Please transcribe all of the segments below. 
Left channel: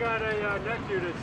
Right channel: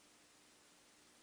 got a neck unit.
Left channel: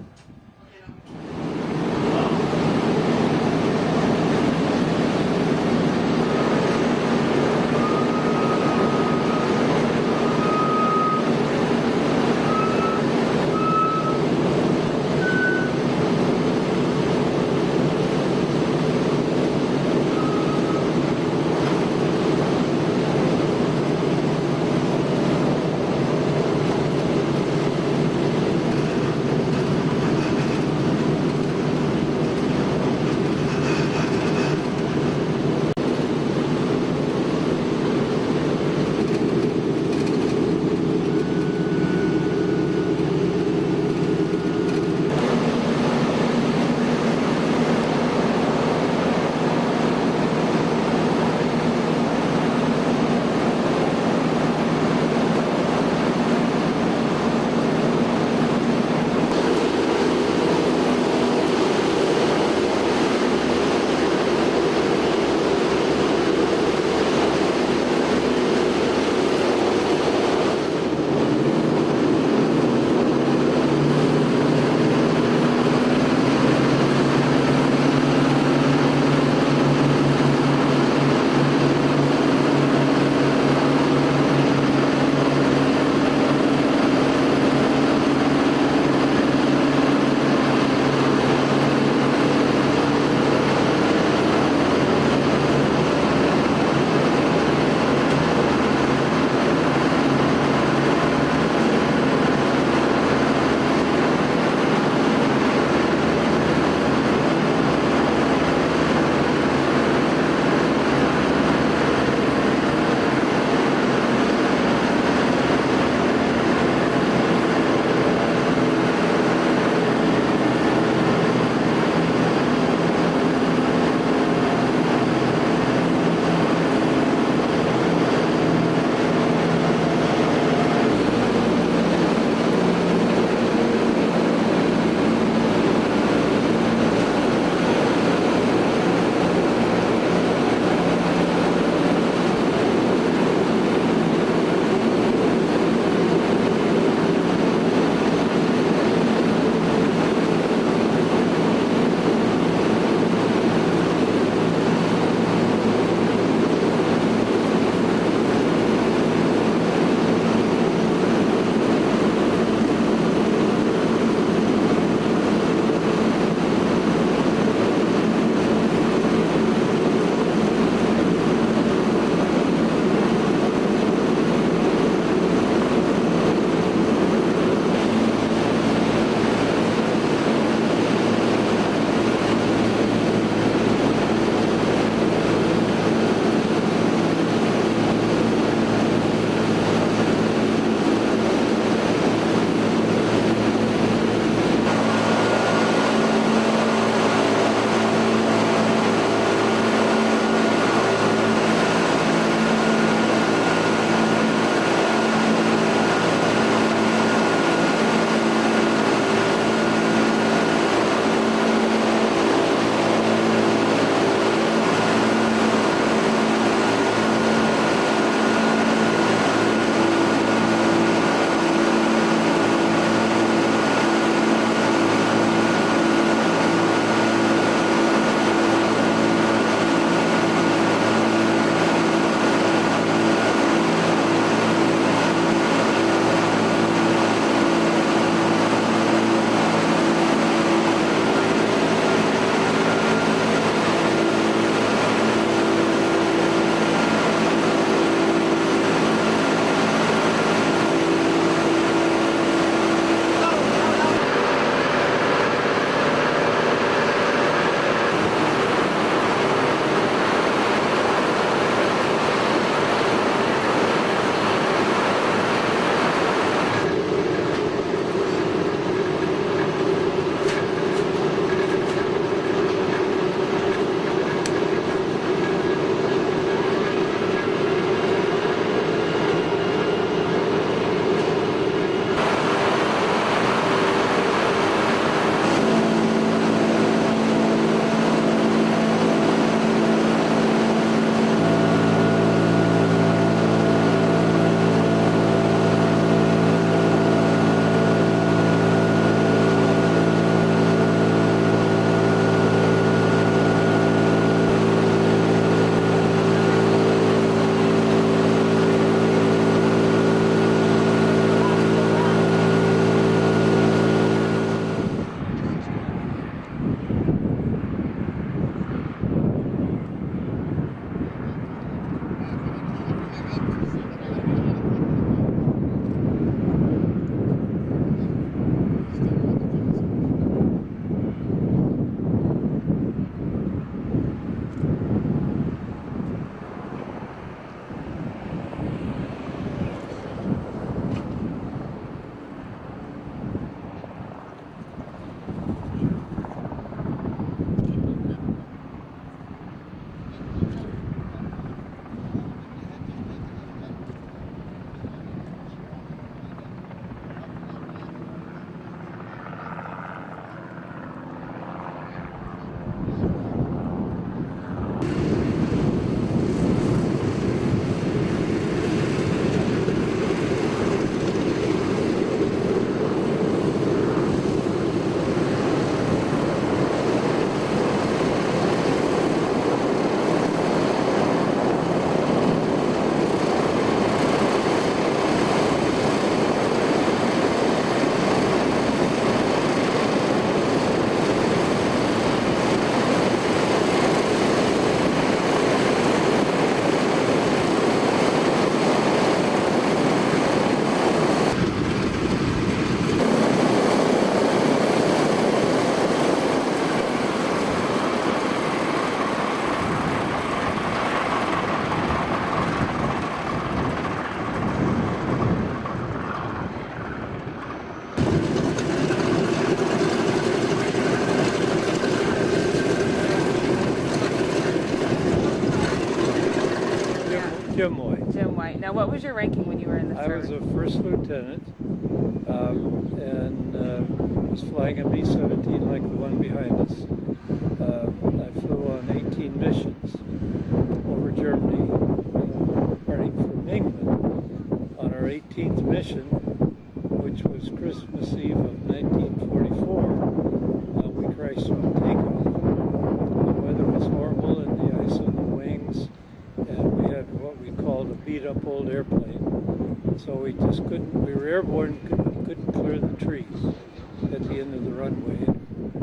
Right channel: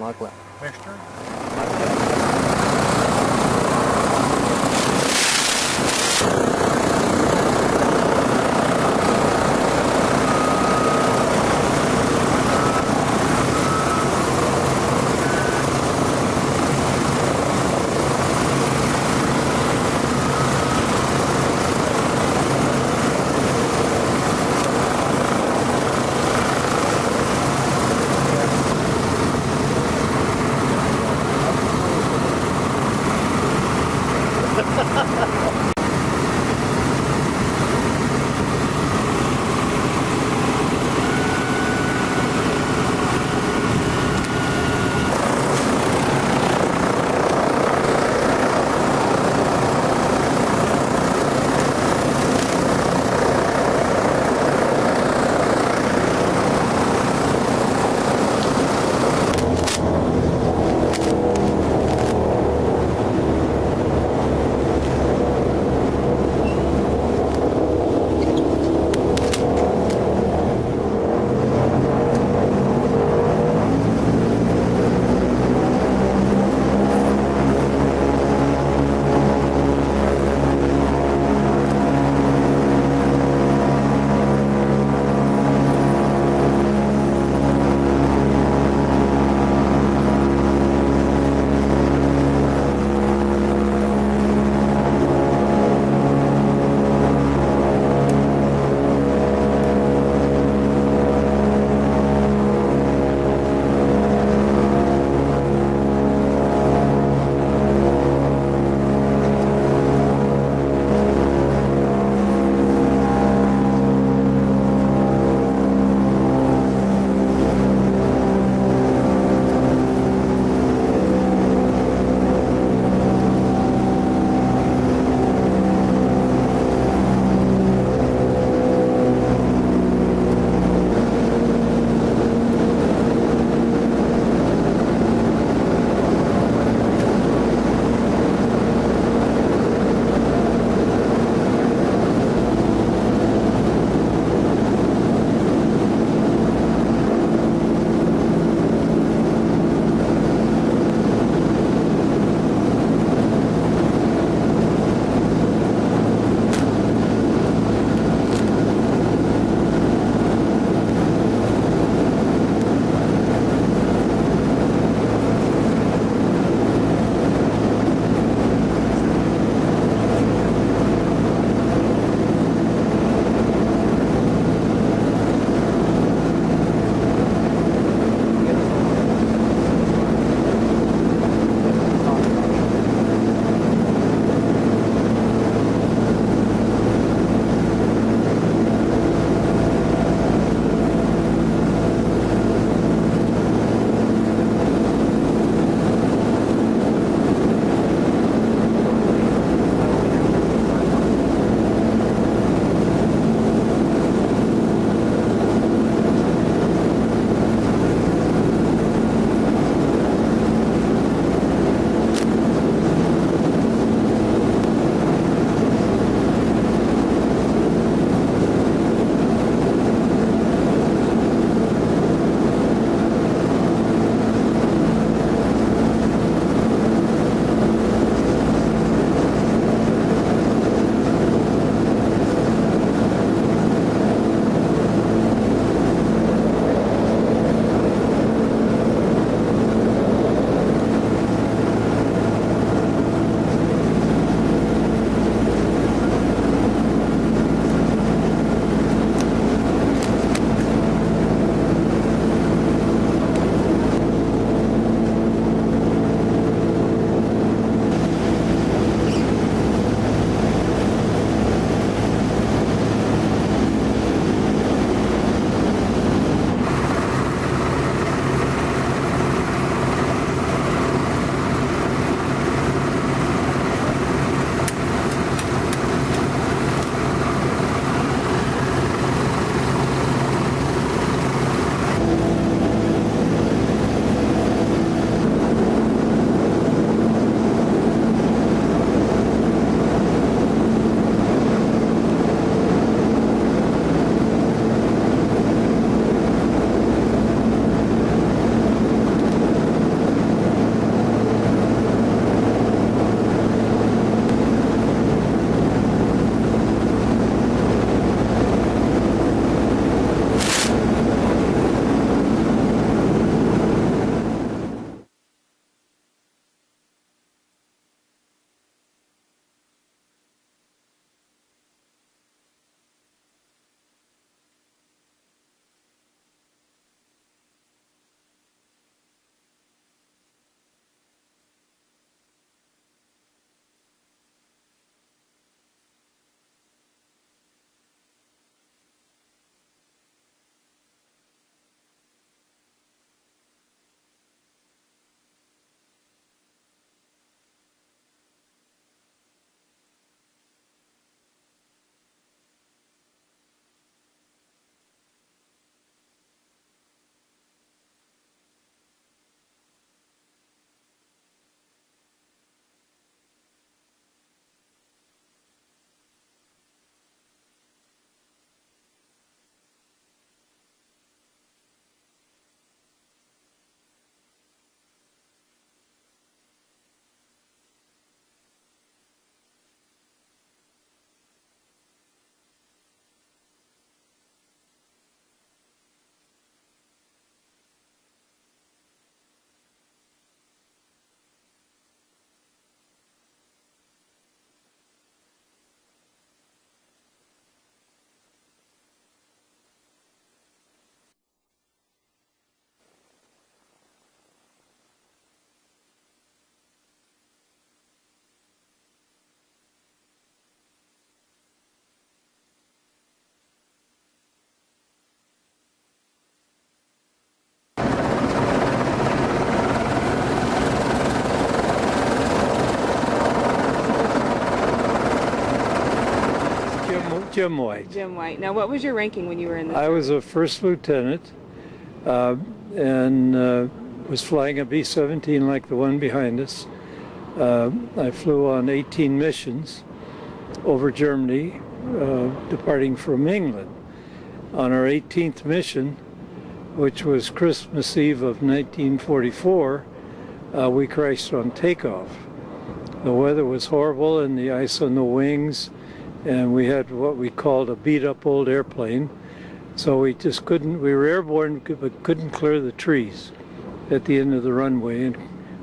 Lachlan. Jim White. Jim White. Now, what was your ranking when you were in the I service? was a first lieutenant and was flying a B-17 like the one behind us. I flew on 18 missions over Germany, departing from England. On our 18th mission, which was Christmas Eve of 1944, we crashed on takeoff. The weather was horrible and the ice on the wings, and we had what we called a beat-up old airplane. So we just couldn't, we were airborne, but couldn't clear the trees at the end of the runway, and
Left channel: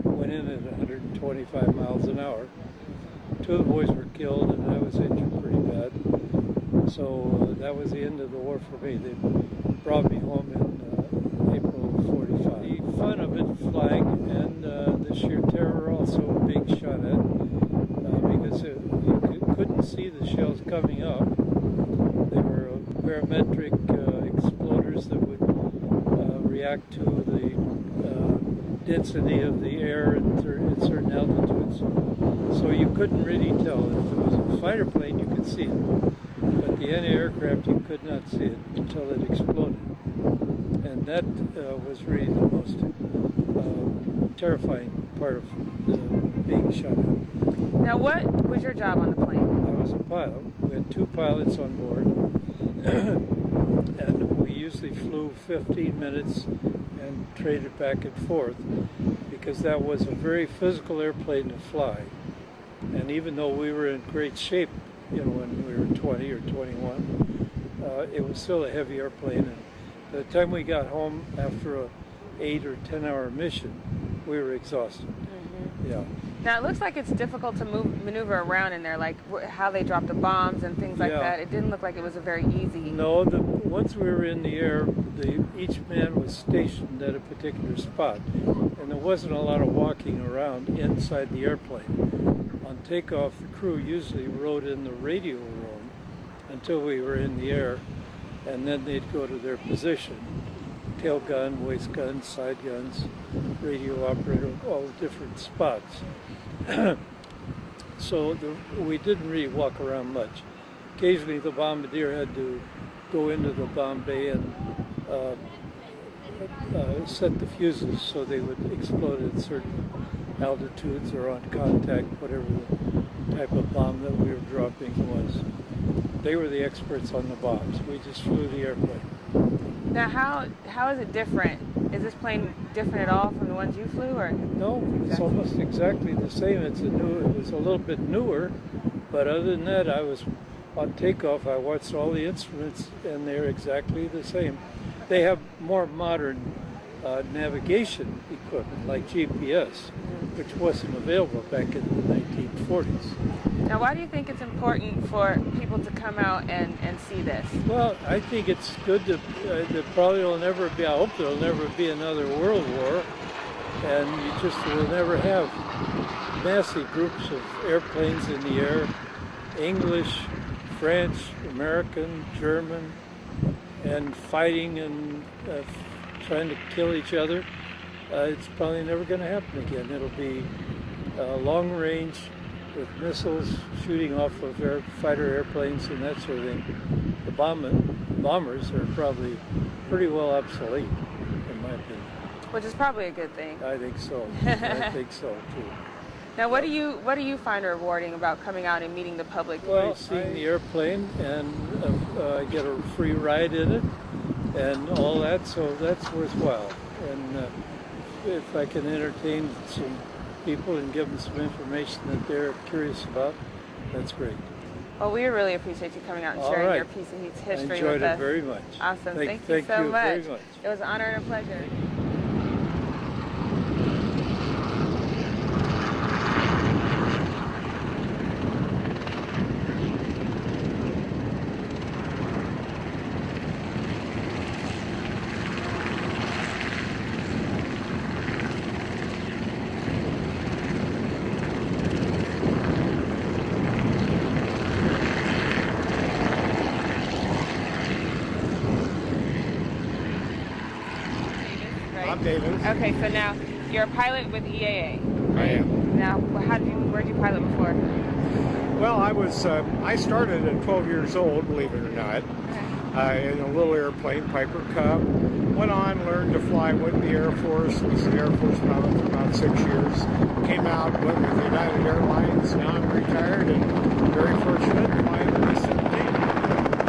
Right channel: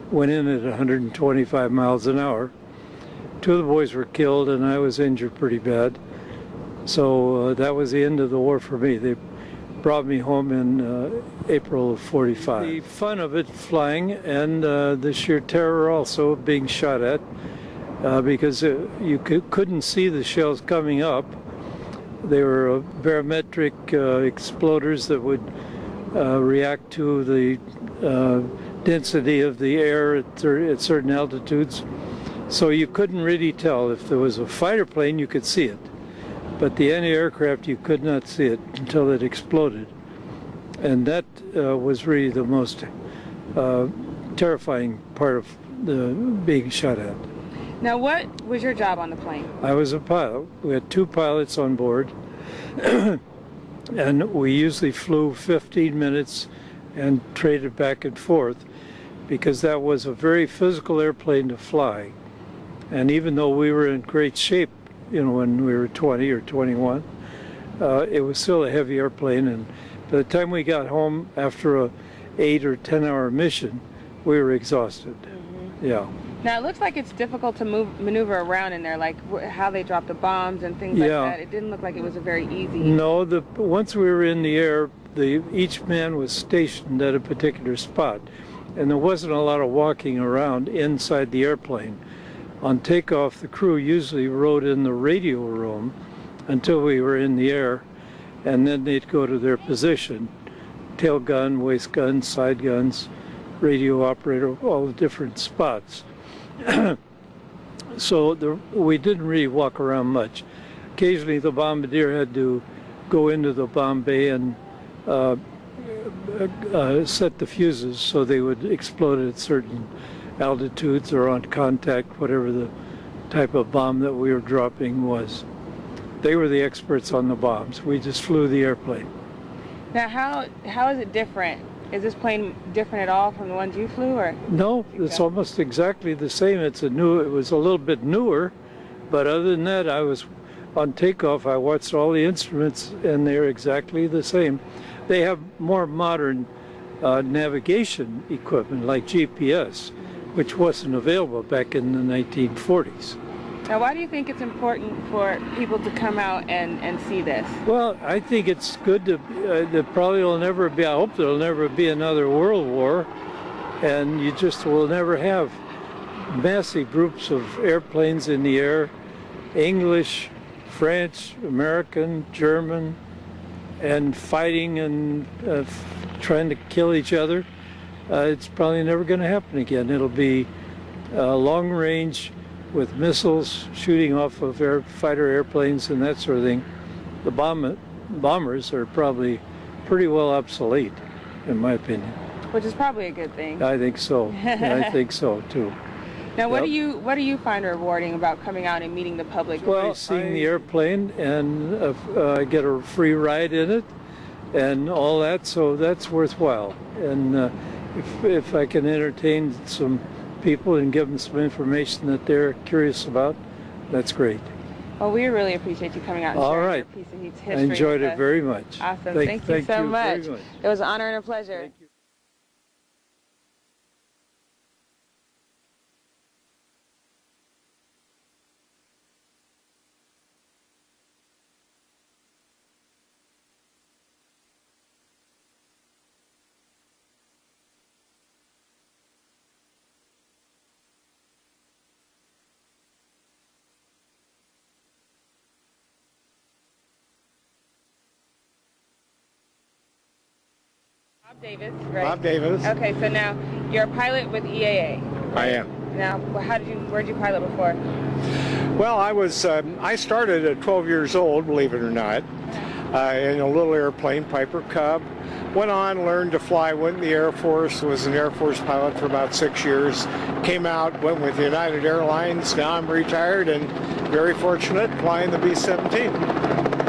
went in at 125 miles an hour. Two of the boys were killed and I was injured pretty bad. So that was the end of the war for me. They brought me home in April of 45. The fun of it flying and the sheer terror also of being shot at because you couldn't see the shells coming up. They were barometric exploders that would react to the density of the air at certain altitudes. So you couldn't really tell. If there was a fighter plane, you could see it. But the anti-aircraft, you could not see it until it exploded. And that was really the most terrifying part of being shot at. Now, what was your job on the plane? I was a pilot. We had two pilots on board. And we usually flew 15 minutes and traded back and forth because that was a very physical airplane to fly. And even though we were in great shape, you know, when we were 20 or 21, it was still a heavy airplane. And by the time we got home after a 8 or 10 hour mission, we were exhausted. Mm-hmm. Yeah. Now, it looks like it's difficult to maneuver around in there, like how they drop the bombs and things like that. It didn't look like it was a very easy... No, once we were in the air, each man was stationed at a particular spot, and there wasn't a lot of walking around inside the airplane. On takeoff, the crew usually rode in the radio room until we were in the air, and then they'd go to their position. Tail gun, waist gun, side guns, radio operator, all the different spots. So we didn't really walk around much. Occasionally the bombardier had to go into the bomb bay and set the fuses so they would explode at certain altitudes or on contact, whatever the type of bomb that we were dropping was. They were the experts on the bombs. We just flew the airplane. Now, how is it different? Is this plane different at all from the ones you flew, or? No, it's almost exactly the same. It was a little bit newer, but other than that, I was on takeoff. I watched all the instruments, and they're exactly the same. They have more modern navigation equipment like GPS, which wasn't available back in the 1940s. Now, why do you think it's important for people to come out and see this? Well, I think it's good to, there probably will never be, I hope there'll never be another world war, and you just will never have massive groups of airplanes in the air, English, French, American, German, and fighting and trying to kill each other. It's probably never going to happen again. It'll be long range with missiles shooting off of fighter airplanes and that sort of thing. The bombers are probably pretty well obsolete, in my opinion. Which is probably a good thing. I think so. I think so too. Now, what do you find rewarding about coming out and meeting the public? Well, seeing the airplane and get a free ride in it and all that, so that's worthwhile. And if I can entertain some people and give them some information that they're curious about, that's great. Well, we really appreciate you coming out and sharing your piece of history with us. I enjoyed it very much. Awesome. Thank you so much. It was an honor and a pleasure. I'm Davis. Okay, so now you're a pilot with EAA. I am. Now, where'd you pilot before? Well, I started at 12 years old, believe it or not, in a little airplane, Piper Cub. Went on, learned to fly, went in the Air Force, was an Air Force pilot for about 6 years. Came out, went with United Airlines. Now I'm retired and very fortunate flying the B-17.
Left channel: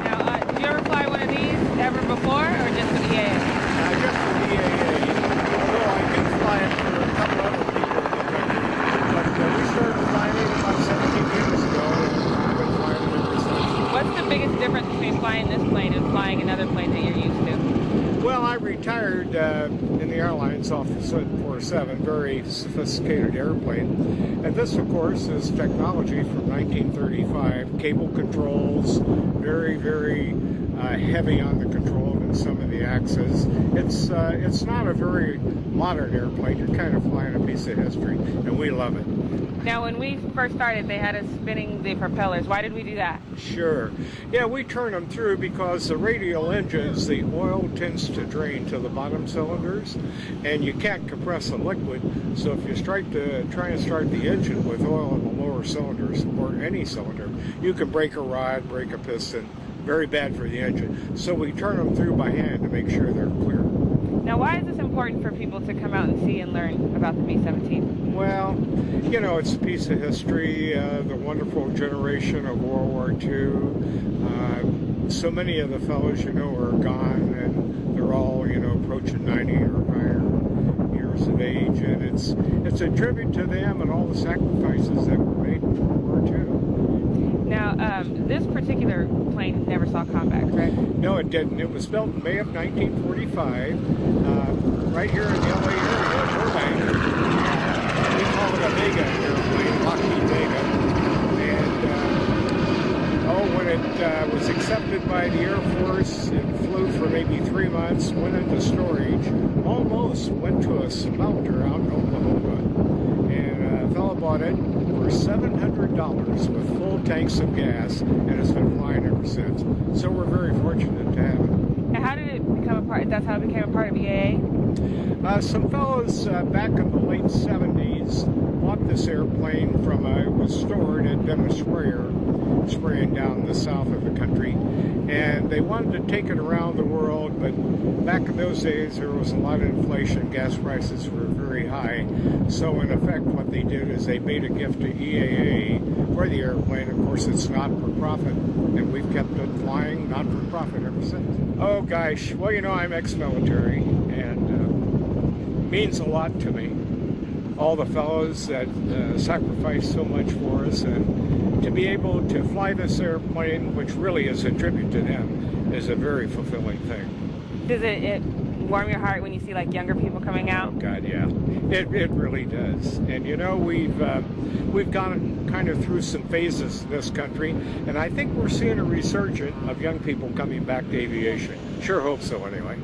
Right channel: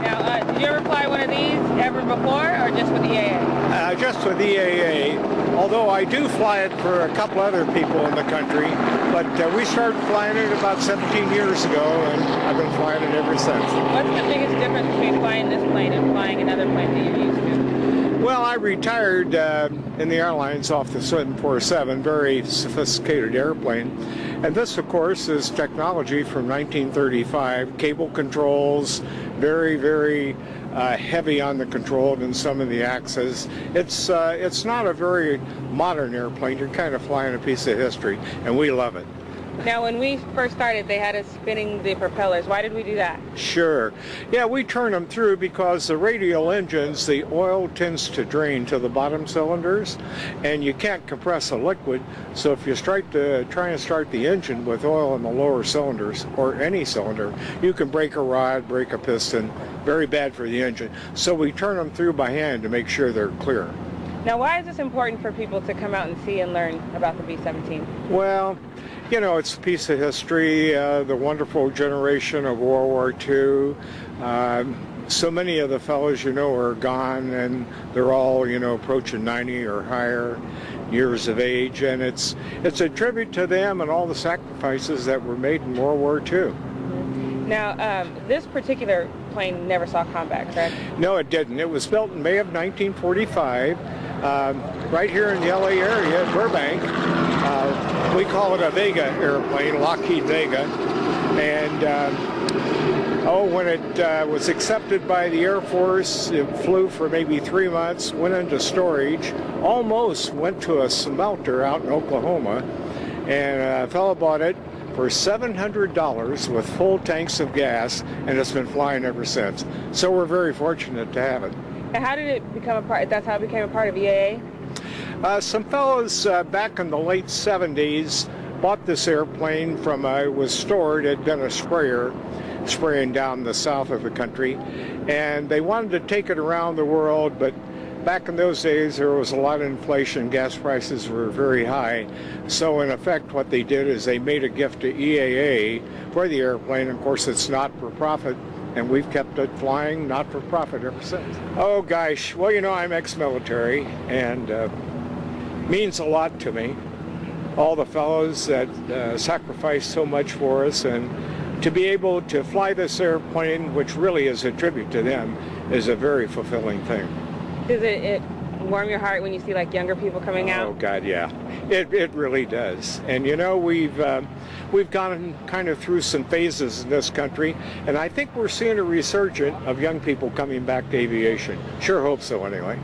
Now, did you ever fly one of these ever before, or just with EAA? Just with EAA, although I do fly it for a couple other people in the country. But we started flying it about 17 years ago, and I've been flying it ever since. What's the biggest difference between flying this plane and flying another plane that you're used to? Well, I retired in the airlines off the 747, very sophisticated airplane. And this, of course, is technology from 1935, cable controls, very, very heavy on the control and some of the axes. It's not a very modern airplane. You're kind of flying a piece of history, and we love it. Now, when we first started, they had us spinning the propellers. Why did we do that? Sure. Yeah, we turn them through because the radial engines, the oil tends to drain to the bottom cylinders, and you can't compress a liquid. So if you try and start the engine with oil in the lower cylinders, or any cylinder, you can break a rod, break a piston. Very bad for the engine. So we turn them through by hand to make sure they're clear. Now, why is this important for people to come out and see and learn about the B-17? Well, you know, it's a piece of history, the wonderful generation of World War II. So many of the fellows, you know, are gone, and they're all, you know, approaching 90 or higher years of age, and it's a tribute to them and all the sacrifices that were made in World War II. Now, this particular plane never saw combat, correct? No, it didn't. It was built in May of 1945, right here in the LA area at Burbank. We call it a Vega airplane, Lockheed Vega. And when it was accepted by the Air Force, it flew for maybe 3 months, went into storage, almost went to a smelter out in Oklahoma, and a fellow bought it for $700 with full tanks of gas, and it's been flying ever since. So we're very fortunate to have it. And how did it become a part? That's how it became a part of EAA? Some fellows back in the late 70s bought this airplane from, it was stored, it had been a sprayer spraying down the south of the country, and they wanted to take it around the world, but back in those days there was a lot of inflation, gas prices were very high, so in effect what they did is they made a gift to EAA for the airplane. Of course, it's not for profit, and we've kept it flying not for profit ever since. Oh gosh, well, you know, I'm ex-military, and means a lot to me. All the fellows that sacrificed so much for us, and to be able to fly this airplane, which really is a tribute to them, is a very fulfilling thing. Does it warm your heart when you see like younger people coming out? Oh God, yeah, it really does. And you know, we've gone kind of through some phases in this country, and I think we're seeing a resurgence of young people coming back to aviation. Sure hope so, anyway.